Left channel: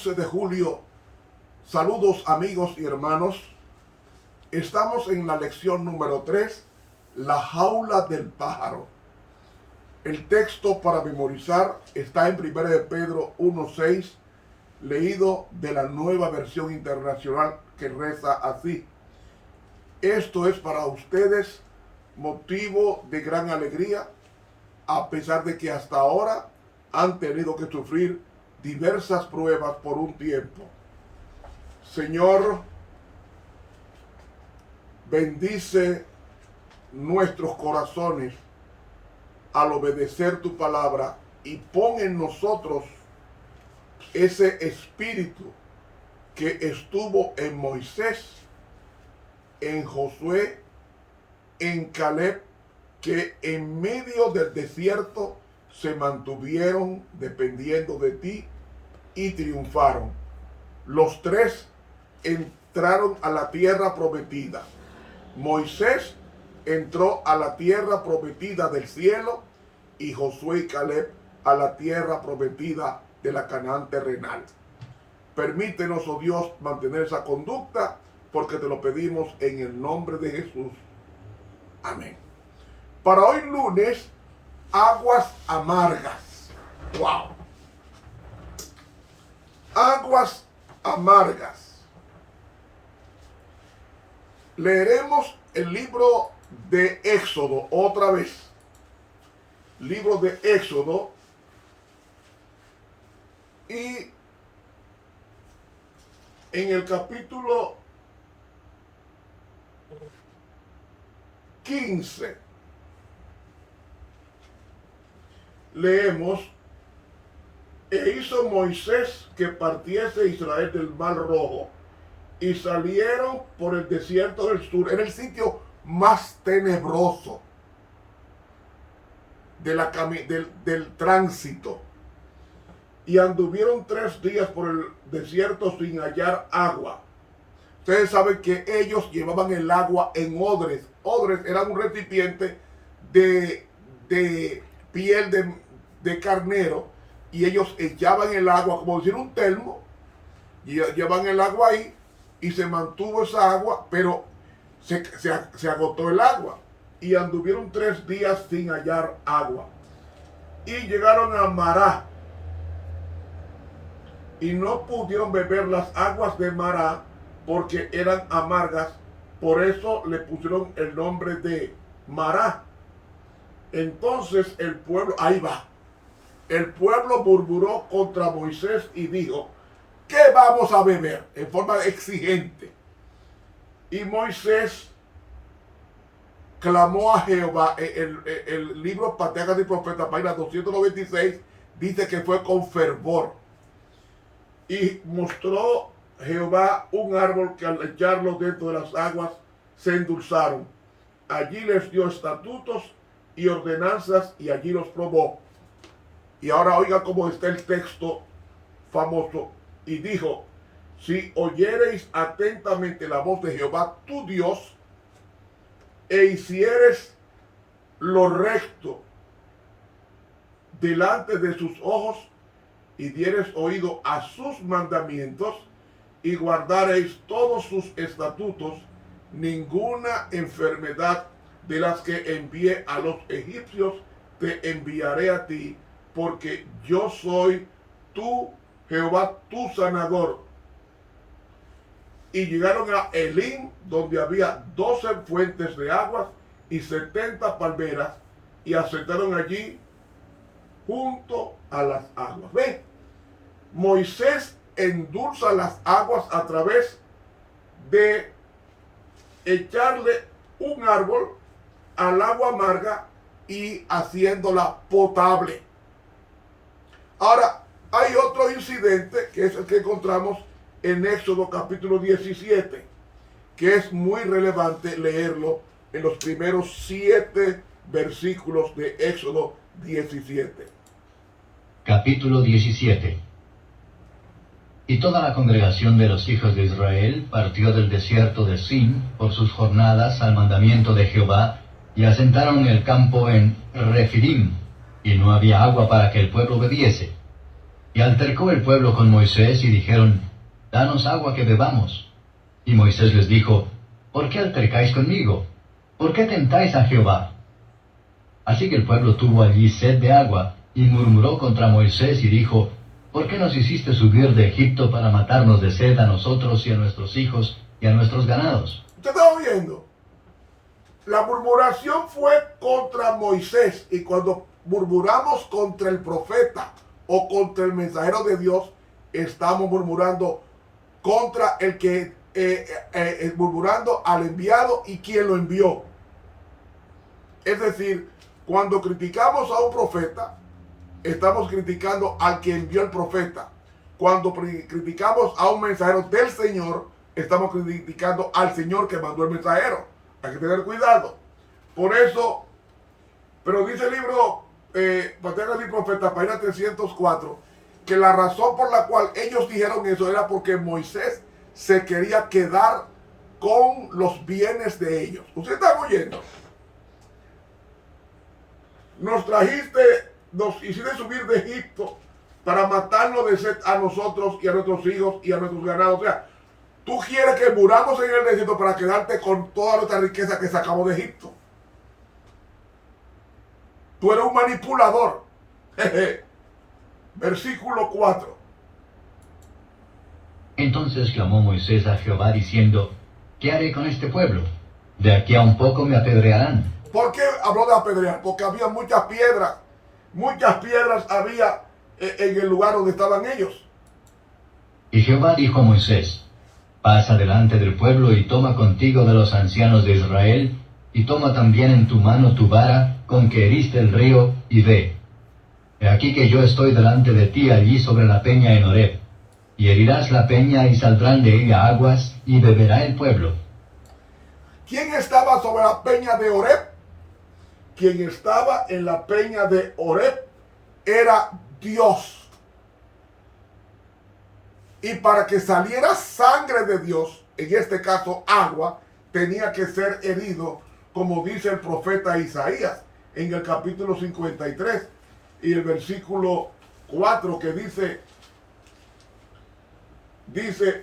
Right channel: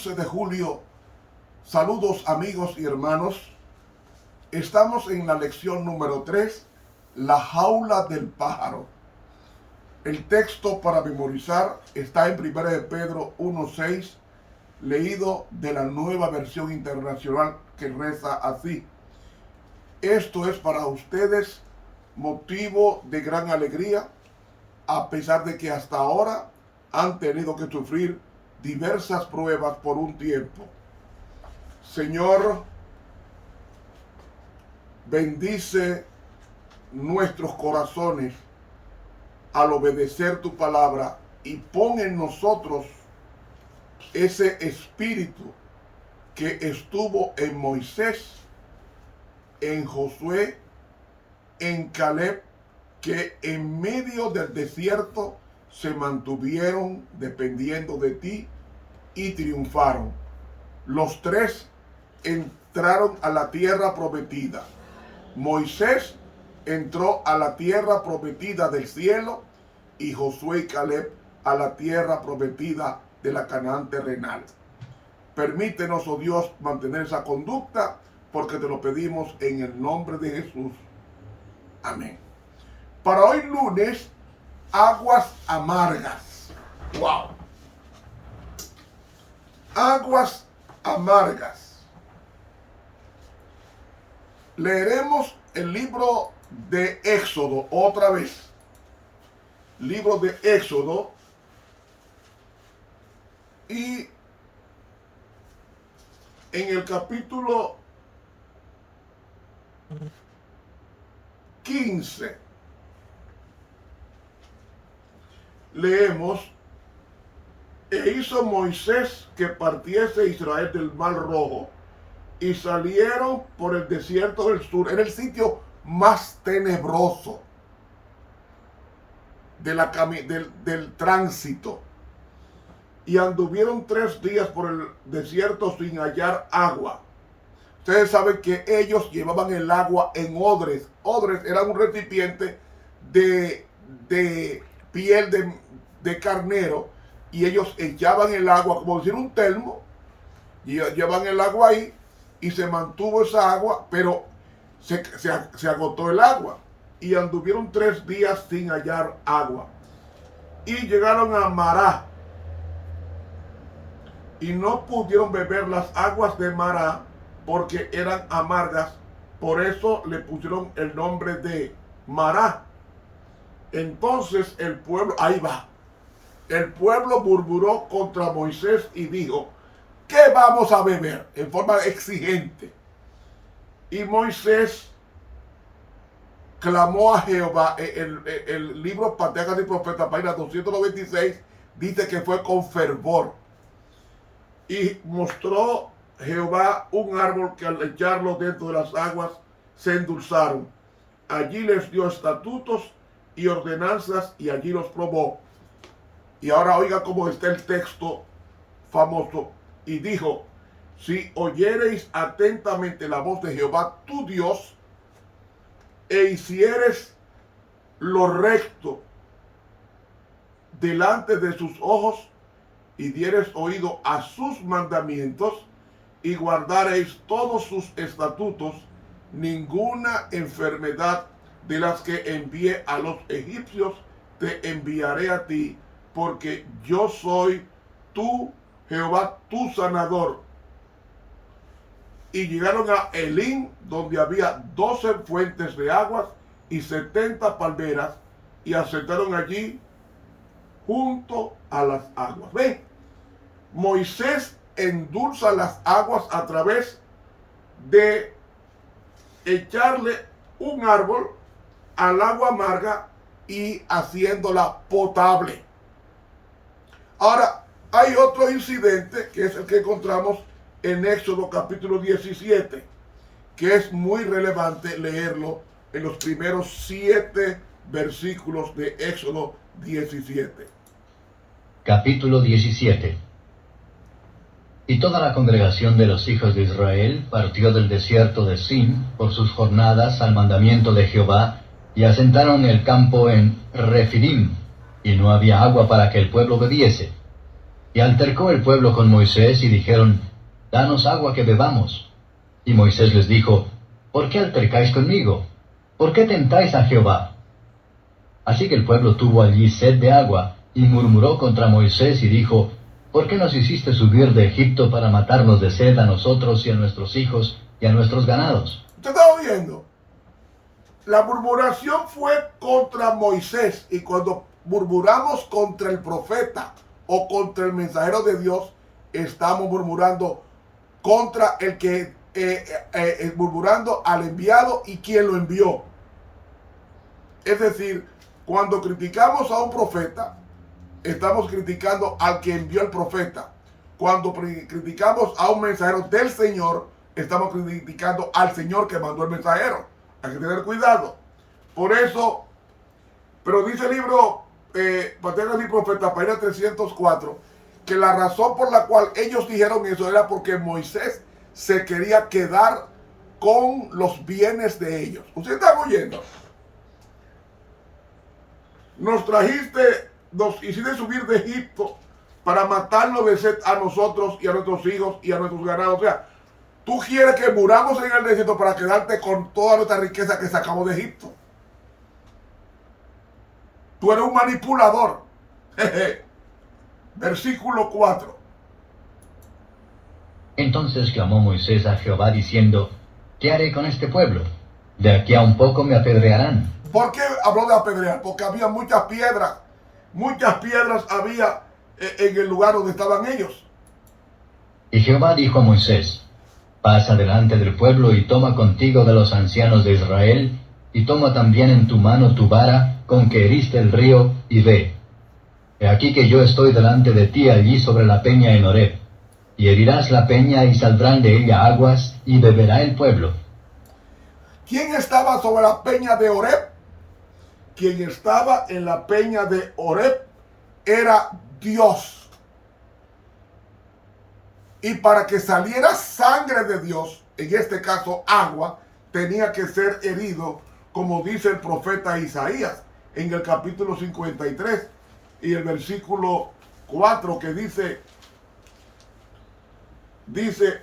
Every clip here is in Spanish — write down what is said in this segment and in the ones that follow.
11 de julio. Saludos amigos y hermanos. Estamos en la lección número 3, la jaula del pájaro. El texto para memorizar está en 1 de Pedro 1:6, leído de la Nueva Versión Internacional, que reza así: esto es para ustedes motivo de gran alegría, a pesar de que hasta ahora han tenido que sufrir diversas pruebas por un tiempo. Señor, bendice nuestros corazones al obedecer tu palabra y pon en nosotros ese espíritu que estuvo en Moisés, en Josué, en Caleb, que en medio del desierto se mantuvieron dependiendo de ti y triunfaron. Los tres entraron a la tierra prometida. Moisés entró a la tierra prometida del cielo y Josué y Caleb a la tierra prometida de la Canaán terrenal. Permítenos, oh Dios, mantener esa conducta, porque te lo pedimos en el nombre de Jesús. Amén. Para hoy lunes, aguas amargas. ¡Wow! Aguas amargas. Leeremos el libro de Éxodo otra vez. Libro de Éxodo. Y en el capítulo 15 leemos: e hizo Moisés que partiese Israel del Mar Rojo, y salieron por el desierto del sur. Era el sitio más tenebroso del tránsito. Y anduvieron 3 días por el desierto sin hallar agua. Ustedes saben que ellos llevaban el agua en odres. Odres era un recipiente de piel de carnero, y ellos echaban el agua, como decir un termo, y llevaban el agua ahí, y se mantuvo esa agua, pero se agotó el agua, y anduvieron 3 días sin hallar agua. Y llegaron a Mará, y no pudieron beber las aguas de Mará, porque eran amargas. Por eso le pusieron el nombre de Mará. Entonces el pueblo, ahí va, el pueblo murmuró contra Moisés y dijo: ¿qué vamos a beber? En forma exigente. Y Moisés clamó a Jehová. El libro Patriarcas y Profetas, página 296, dice que fue con fervor. Y mostró Jehová un árbol que al echarlo dentro de las aguas se endulzaron. Allí les dio estatutos y ordenanzas, y allí los probó. Y ahora oiga cómo está el texto famoso. Y dijo: si oyereis atentamente la voz de Jehová tu Dios, e hicieres lo recto delante de sus ojos, y dieres oído a sus mandamientos, y guardareis todos sus estatutos, ninguna enfermedad de las que envié a los egipcios te enviaré a ti, porque yo soy tu Jehová, tu sanador. Y llegaron a Elim, donde había 12 fuentes de aguas y 70 palmeras, y asentaron allí junto a las aguas. ¿Ven? Moisés endulza las aguas a través de echarle un árbol al agua amarga y haciéndola potable. Ahora, hay otro incidente, que es el que encontramos en Éxodo capítulo 17, que es muy relevante leerlo en los primeros 7 versículos de Éxodo 17. Capítulo 17. Y toda la congregación de los hijos de Israel partió del desierto de Sin por sus jornadas al mandamiento de Jehová, y asentaron el campo en Refidim, y no había agua para que el pueblo bebiese. Y altercó el pueblo con Moisés y dijeron, danos agua que bebamos. Y Moisés les dijo, ¿por qué altercáis conmigo? ¿Por qué tentáis a Jehová? Así que el pueblo tuvo allí sed de agua, y murmuró contra Moisés y dijo, ¿por qué nos hiciste subir de Egipto para matarnos de sed a nosotros y a nuestros hijos y a nuestros ganados? ¿Usted está oyendo? La murmuración fue contra Moisés, y cuando murmuramos contra el profeta o contra el mensajero de Dios, estamos murmurando contra el que murmurando al enviado y quien lo envió. Es decir, cuando criticamos a un profeta, estamos criticando al que envió el profeta. Cuando criticamos a un mensajero del Señor, estamos criticando al Señor que mandó el mensajero. Hay que tener cuidado. Por eso, pero dice el libro Patriarcas y Profetas, página 304, que la razón por la cual ellos dijeron eso era porque Moisés se quería quedar con los bienes de ellos. ¿Usted está oyendo? Nos hiciste subir de Egipto para matarnos de sed a nosotros y a nuestros hijos y a nuestros ganados. O sea, tú quieres que muramos en el desierto para quedarte con toda nuestra riqueza que sacamos de Egipto. Tú eres un manipulador. Versículo 4. Entonces clamó Moisés a Jehová diciendo, ¿qué haré con este pueblo? De aquí a un poco me apedrearán. ¿Por qué habló de apedrear? Porque había muchas piedras. Muchas piedras había en el lugar donde estaban ellos. Y Jehová dijo a Moisés, pasa delante del pueblo y toma contigo de los ancianos de Israel, y toma también en tu mano tu vara con que heriste el río, y ve. He aquí que yo estoy delante de ti allí sobre la peña en Horeb, y herirás la peña y saldrán de ella aguas, y beberá el pueblo. ¿Quién estaba sobre la peña de Horeb? Quien estaba en la peña de Horeb era Dios. Y para que saliera sangre de Dios, en este caso agua, tenía que ser herido, como dice el profeta Isaías en el capítulo 53 y el versículo 4, que dice,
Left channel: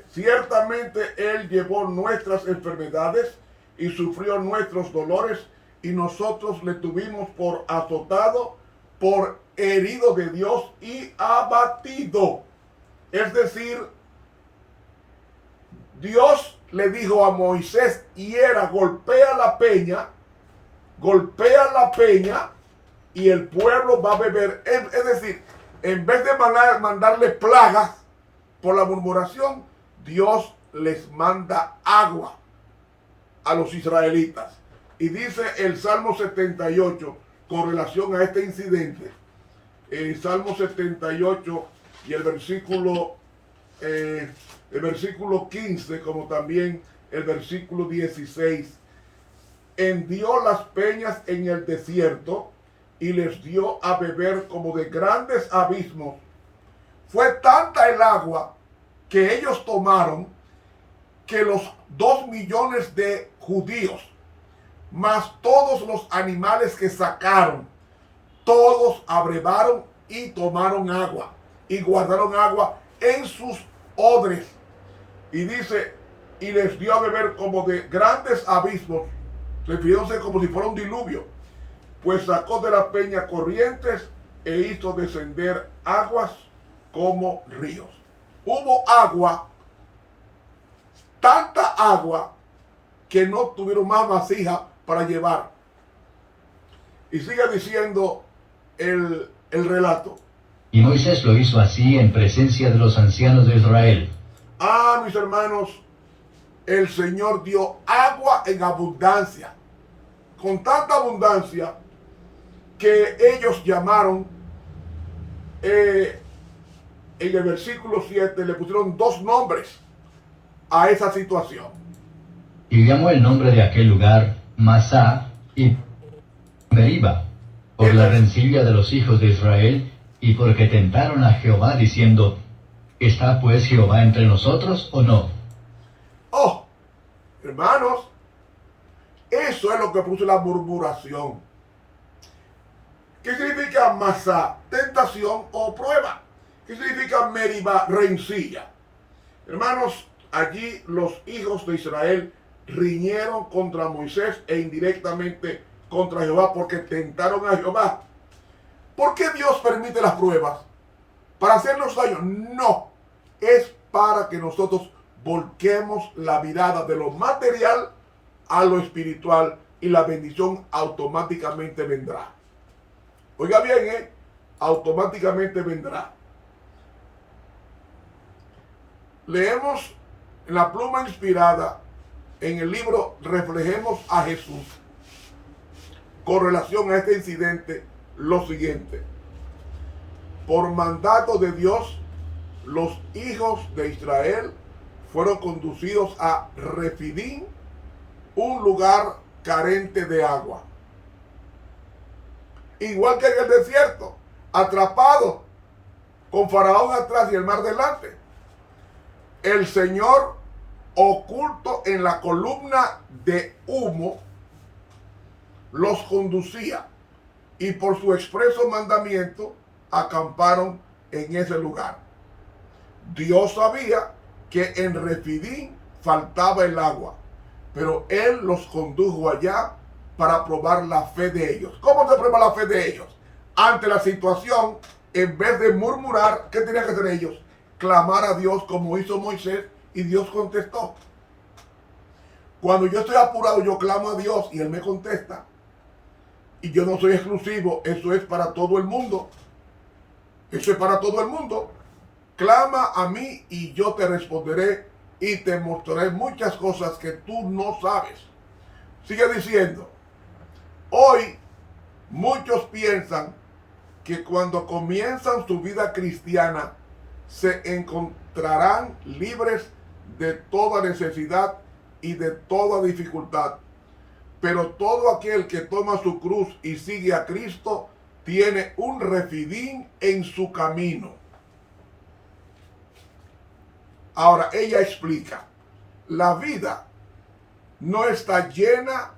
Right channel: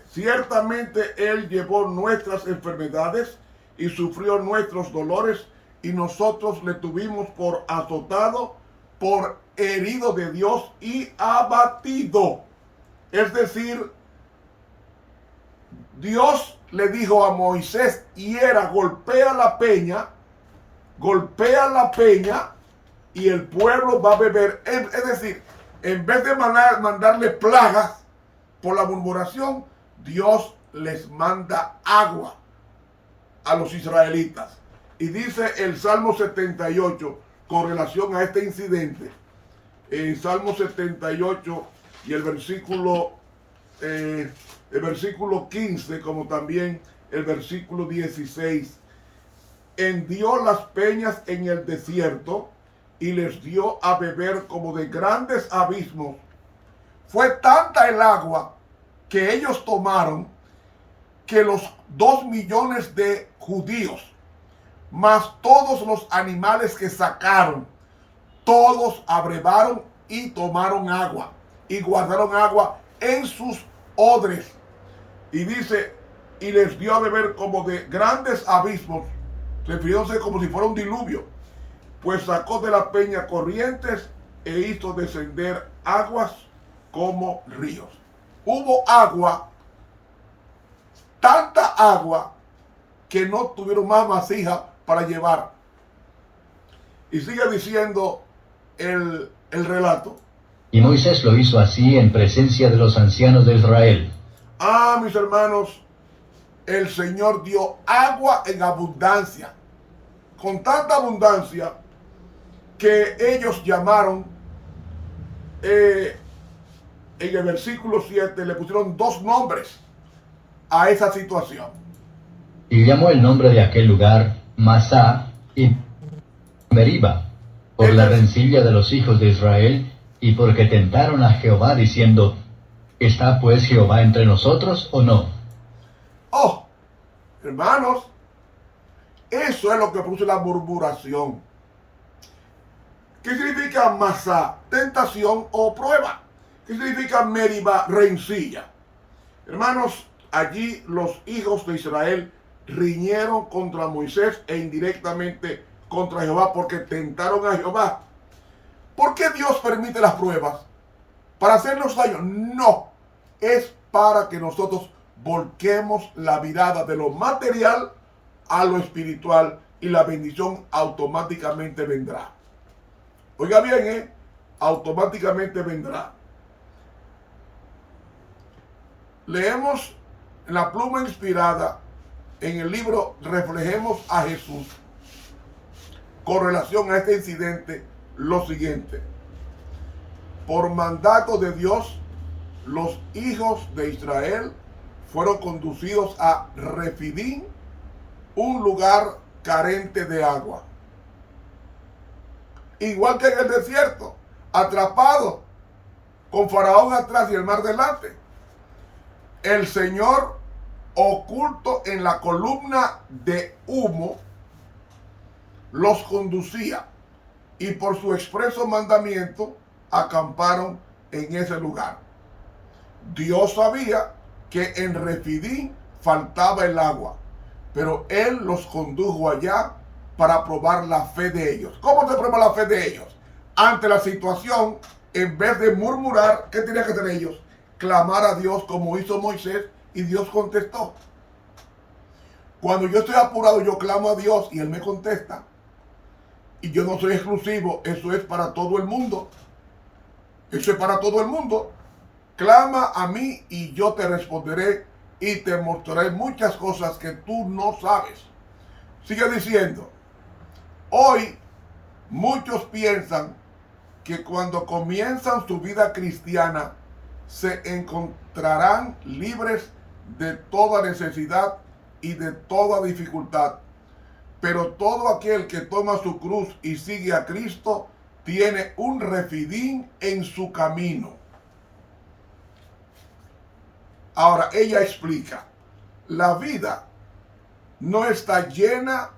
ciertamente Él llevó nuestras enfermedades y sufrió nuestros dolores, y nosotros le tuvimos por azotado, por herido de Dios y abatido. Es decir, Dios le dijo a Moisés, golpea la peña, y el pueblo va a beber. Es decir, en vez de mandarle plagas por la murmuración, Dios les manda agua a los israelitas. Y dice el Salmo 78 con relación a este incidente, el Salmo 78 y el versículo 15, como también el versículo 16, hendió las peñas en el desierto y les dio a beber como de grandes abismos. Fue tanta el agua que ellos tomaron que los 2 millones de judíos, más todos los animales que sacaron, todos abrevaron y tomaron agua y guardaron agua en sus odres. Y dice, y les dio a beber como de grandes abismos, refiriéndose como si fuera un diluvio, pues sacó de la peña corrientes e hizo descender aguas como ríos. Hubo agua, tanta agua, que no tuvieron más vasija para llevar. Y sigue diciendo el relato. Y Moisés lo hizo así en presencia de los ancianos de Israel. Ah, mis hermanos, el Señor dio agua en abundancia, con tanta abundancia que ellos llamaron, en el versículo 7, le pusieron 2 nombres a esa situación. Y llamó el nombre de aquel lugar Masá y Meriba, por la rencilla de los hijos de Israel, y porque tentaron a Jehová diciendo, ¿está pues Jehová entre nosotros o no? Oh, hermanos, eso es lo que produce la murmuración. ¿Qué significa Masá? Tentación o prueba. ¿Qué significa Meribá? Rencilla. Hermanos, allí los hijos de Israel riñeron contra Moisés e indirectamente contra Jehová porque tentaron a Jehová. ¿Por qué Dios permite las pruebas? ¿Para hacernos daño? No, es para que nosotros volquemos la mirada de lo material a lo espiritual y la bendición automáticamente vendrá. Oiga bien, automáticamente vendrá. Leemos en la pluma inspirada en el libro Reflejemos a Jesús con relación a este incidente lo siguiente. Por mandato de Dios, los hijos de Israel fueron conducidos a Refidim, un lugar carente de agua. Igual que en el desierto, atrapados, con Faraón atrás y el mar delante. El Señor, oculto en la columna de humo, los conducía y por su expreso mandamiento acamparon en ese lugar. Dios sabía que en Refidim faltaba el agua, pero Él los condujo allá para probar la fe de ellos. ¿Cómo se prueba la fe de ellos? Ante la situación, en vez de murmurar, ¿qué tenían que hacer ellos? Clamar a Dios como hizo Moisés, y Dios contestó. Cuando yo estoy apurado, yo clamo a Dios y Él me contesta. Y yo no soy exclusivo, eso es para todo el mundo. Eso es para todo el mundo. Clama a mí y yo te responderé y te mostraré muchas cosas que tú no sabes. Sigue diciendo, hoy muchos piensan que cuando comienzan su vida cristiana se encontrarán libres de toda necesidad y de toda dificultad. Pero todo aquel que toma su cruz y sigue a Cristo tiene un Refidim en su camino. Ahora ella explica, la vida no está llena,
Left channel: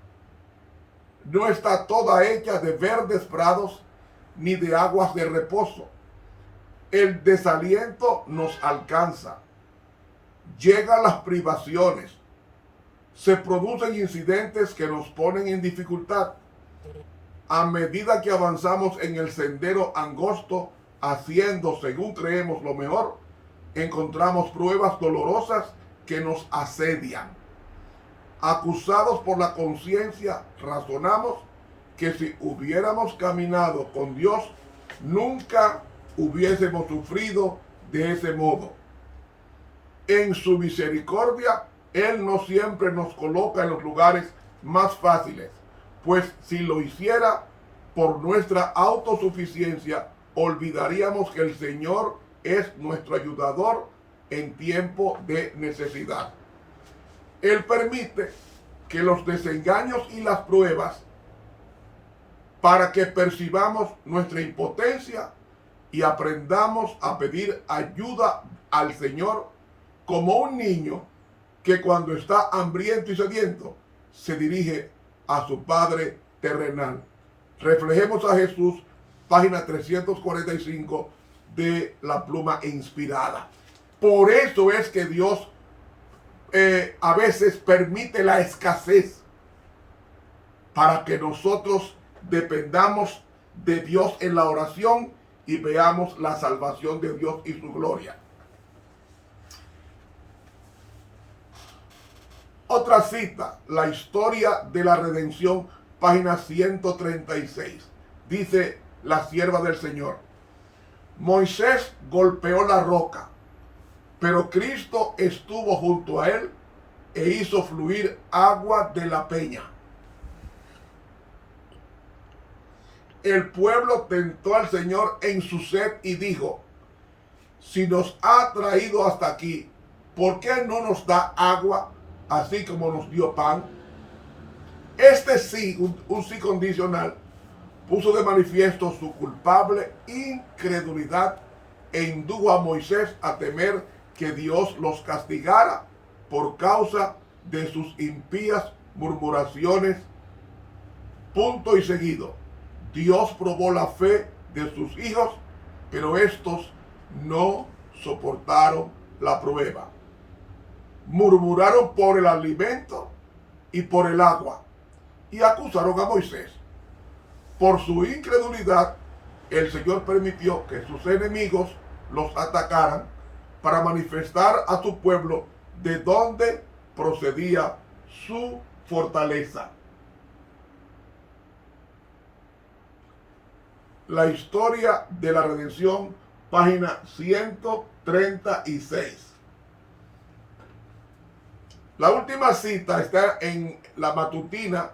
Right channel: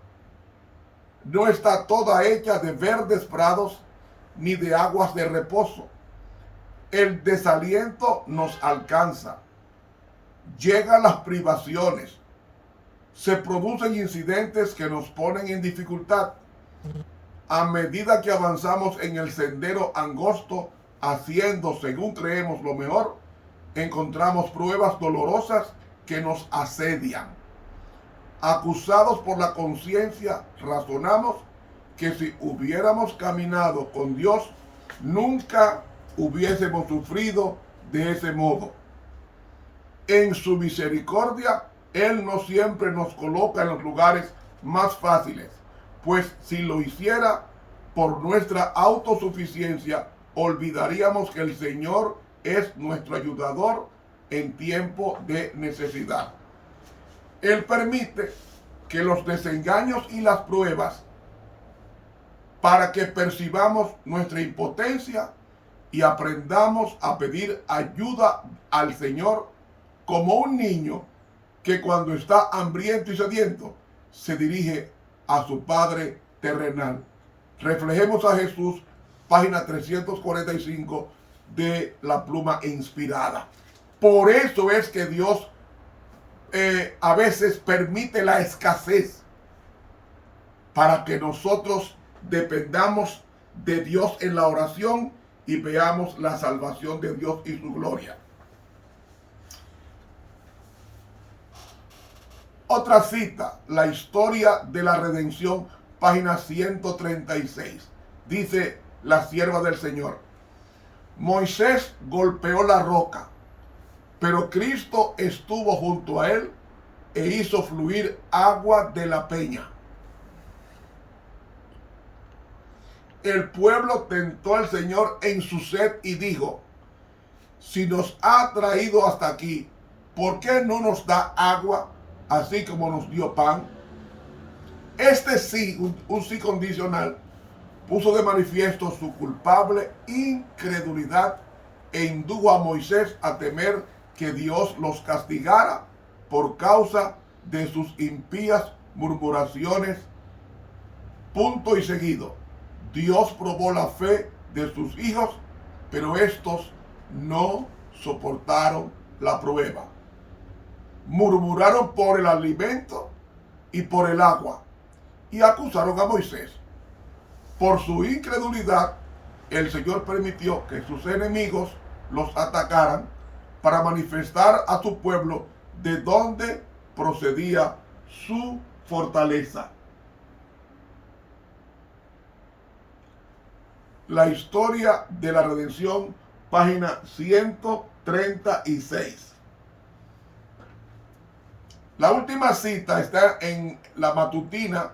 no está toda hecha de verdes prados ni de aguas de reposo. El desaliento nos alcanza, llegan las privaciones, se producen incidentes que nos ponen en dificultad. A medida que avanzamos en el sendero angosto, haciendo según creemos lo mejor, encontramos pruebas dolorosas que nos asedian. Acusados por la conciencia, razonamos que si hubiéramos caminado con Dios, nunca hubiésemos sufrido de ese modo. En su misericordia, Él no siempre nos coloca en los lugares más fáciles, pues si lo hiciera por nuestra autosuficiencia, olvidaríamos que el Señor es nuestro ayudador en tiempo de necesidad. Él permite que los desengaños y las pruebas para que percibamos nuestra impotencia y aprendamos a pedir ayuda al Señor como un niño que cuando está hambriento y sediento se dirige a su Padre terrenal. Reflejemos a Jesús, página 345 de la pluma inspirada. Por eso es que Dios a veces permite la escasez para que nosotros dependamos de Dios en la oración y veamos la salvación de Dios y su gloria. Otra cita, la historia de la redención, página 136. Dice la sierva del Señor: Moisés golpeó la roca, pero Cristo estuvo junto a él e hizo fluir agua de la peña. El pueblo tentó al Señor en su sed y dijo: si nos ha traído hasta aquí, ¿por qué no nos da agua así como nos dio pan? Este sí, un sí condicional, puso de manifiesto su culpable incredulidad e indujo a Moisés a temer que Dios los castigara por causa de sus impías murmuraciones. Punto y seguido. Dios probó la fe de sus hijos, pero estos no soportaron la prueba. Murmuraron por el alimento y por el agua, y acusaron a Moisés. Por su incredulidad, el Señor permitió que sus enemigos los atacaran para manifestar a su pueblo de dónde procedía su fortaleza. La historia de la redención, página 136. La última cita está en la matutina,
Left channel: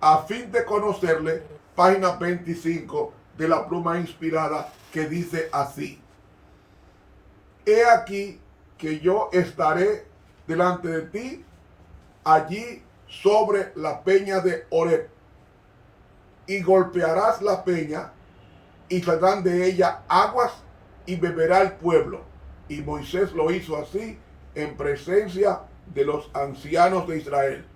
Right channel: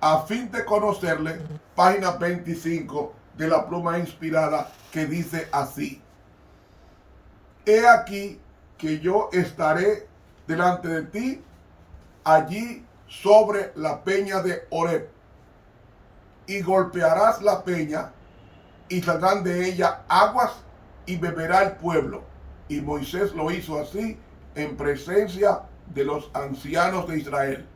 a fin de conocerle, página 25 de la pluma inspirada, que dice así: he aquí que yo estaré delante de ti allí sobre la peña de Horeb, y golpearás la peña, y saldrán de ella aguas, y beberá el pueblo. Y Moisés lo hizo así en presencia de los ancianos de Israel.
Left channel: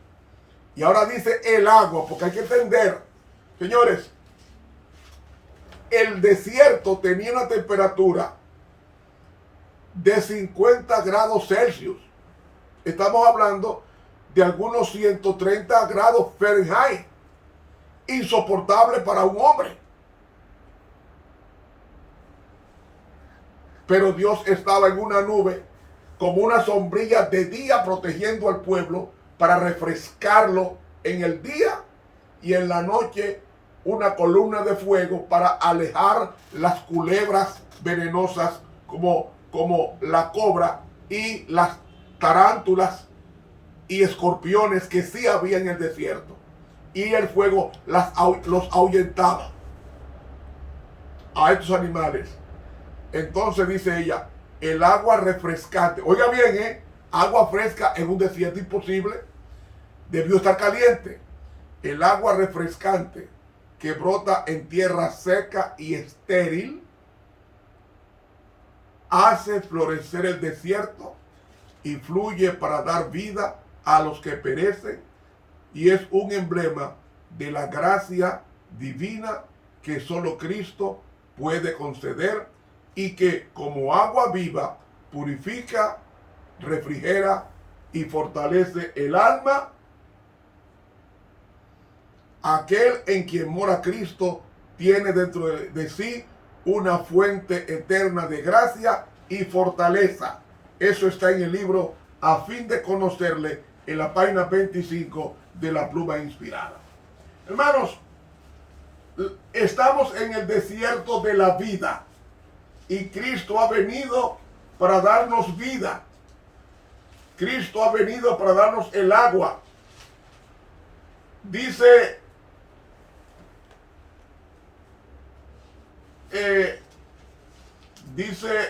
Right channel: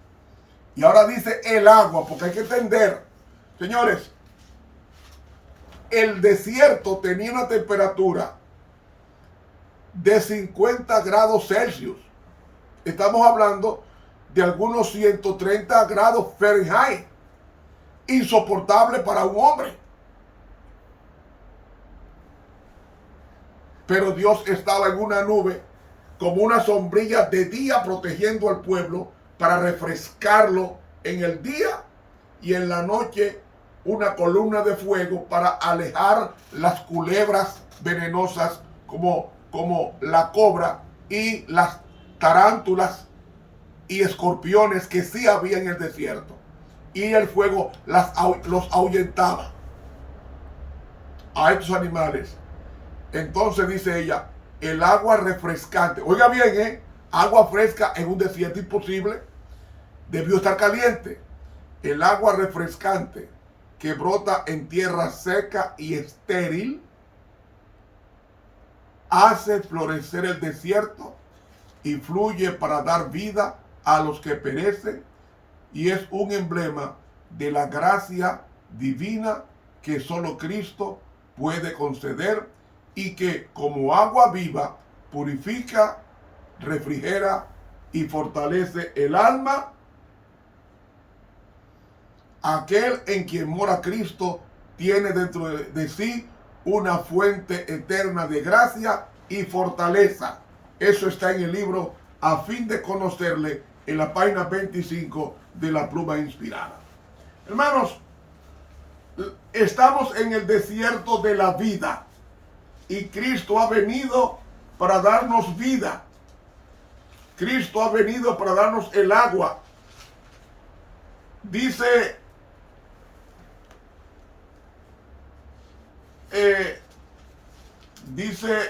Y ahora dice el agua, porque hay que entender, señores, el desierto tenía una temperatura de 50 grados Celsius. Estamos hablando de algunos 130 grados Fahrenheit. Insoportable para un hombre. Pero Dios estaba en una nube como una sombrilla de día protegiendo al pueblo para refrescarlo en el día, y en la noche una columna de fuego para alejar las culebras venenosas como la cobra y las tarántulas y escorpiones que sí había en el desierto. Y el fuego los ahuyentaba a estos animales. Entonces dice ella, el agua refrescante, oiga bien, agua fresca en un desierto imposible, debió estar caliente. El agua refrescante que brota en tierra seca y estéril hace florecer el desierto y fluye para dar vida a los que perecen, y es un emblema de la gracia divina que solo Cristo puede conceder, y que como agua viva purifica, refrigera y fortalece el alma. Aquel en quien mora Cristo tiene dentro de sí una fuente eterna de gracia y fortaleza. Eso está en el libro A fin de conocerle, en la página 25 de la pluma inspirada. Hermanos, estamos en el desierto de la vida, y Cristo ha venido para darnos vida. Cristo ha venido para darnos el agua. Dice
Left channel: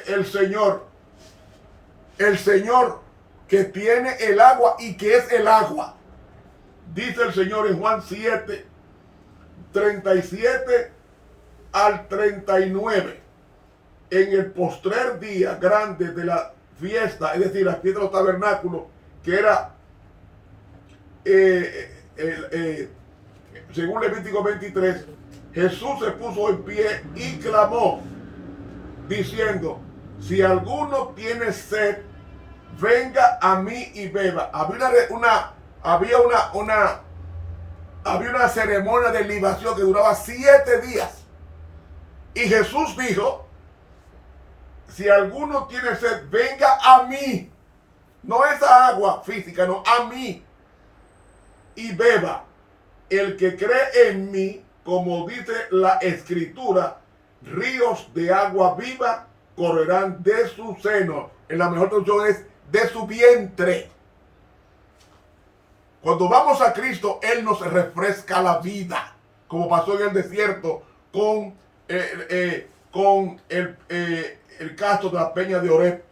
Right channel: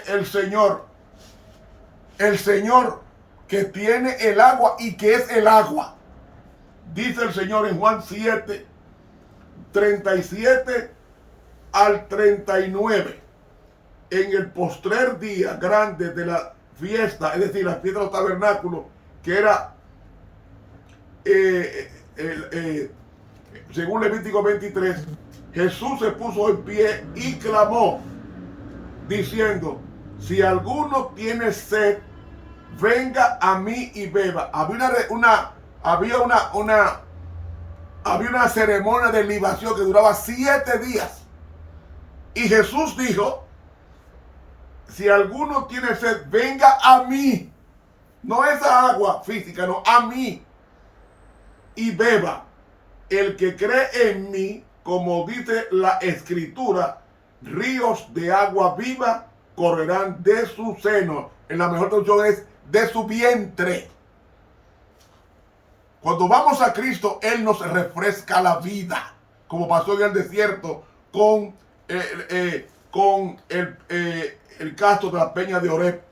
el Señor que tiene el agua y que es el agua. Dice el Señor en Juan 7, 37 al 39. En el postrer día grande de la fiesta, es decir, la fiesta de los tabernáculos, que era, según Levítico 23, Jesús se puso en pie y clamó, diciendo: si alguno tiene sed, venga a mí y beba. Había una ceremonia de libación que duraba 7 días. Y Jesús dijo: si alguno tiene sed, venga a mí. No esa agua física, no, a mí. Y beba. El que cree en mí, como dice la Escritura, ríos de agua viva correrán de su seno. En la mejor traducción es de su vientre. Cuando vamos a Cristo, Él nos refresca la vida, como pasó en el desierto con el caso de la peña de Horeb.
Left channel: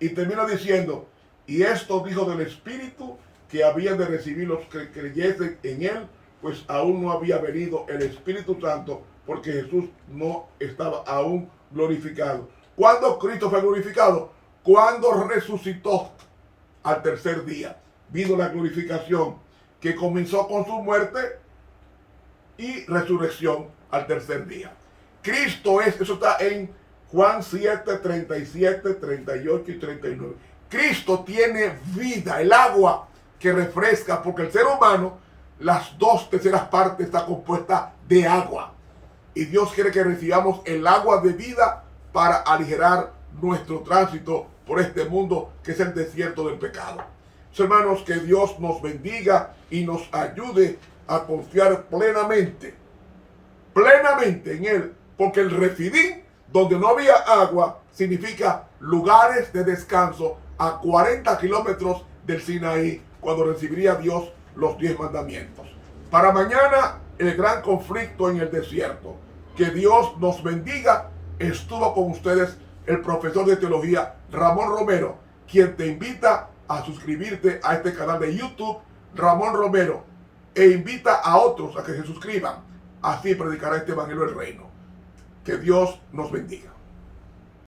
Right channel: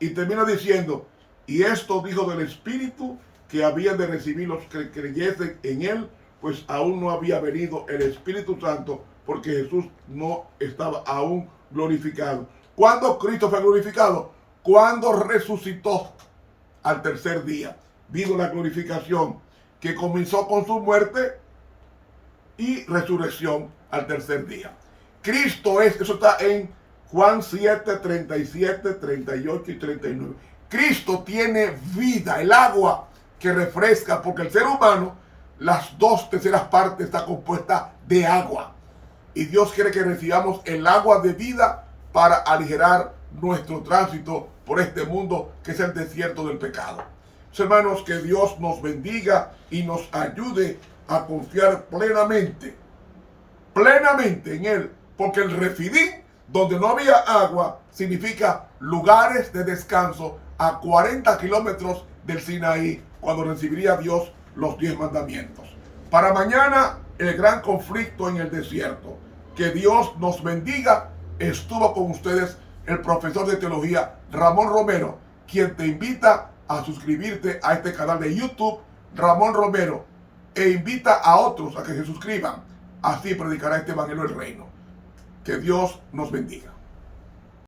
Y termina diciendo: y esto dijo del Espíritu que habían de recibir los que creyesen en Él, pues aún no había venido el Espíritu Santo, porque Jesús no estaba aún glorificado. ¿Cuándo Cristo fue glorificado? Cuando resucitó al tercer día. Vino la glorificación que comenzó con su muerte y resurrección al tercer día. Cristo es, eso está en Juan 7, 37, 38 y 39. Cristo tiene vida, el agua que refresca, porque el ser humano, las 2/3 partes está compuesta de agua. Y Dios quiere que recibamos el agua de vida para aligerar nuestro tránsito por este mundo que es el desierto del pecado. Hermanos, que Dios nos bendiga y nos ayude a confiar plenamente en Él, porque el Refidín, donde no había agua, significa lugares de descanso a 40 kilómetros del Sinaí, cuando recibiría Dios los 10 mandamientos. Para mañana, el gran conflicto en el desierto. Que Dios nos bendiga. Estuvo con ustedes el profesor de teología Ramón Romero, quien te invita a suscribirte a este canal de YouTube, Ramón Romero, e invita a otros a que se suscriban. Así predicará este evangelio del reino. Que Dios nos bendiga.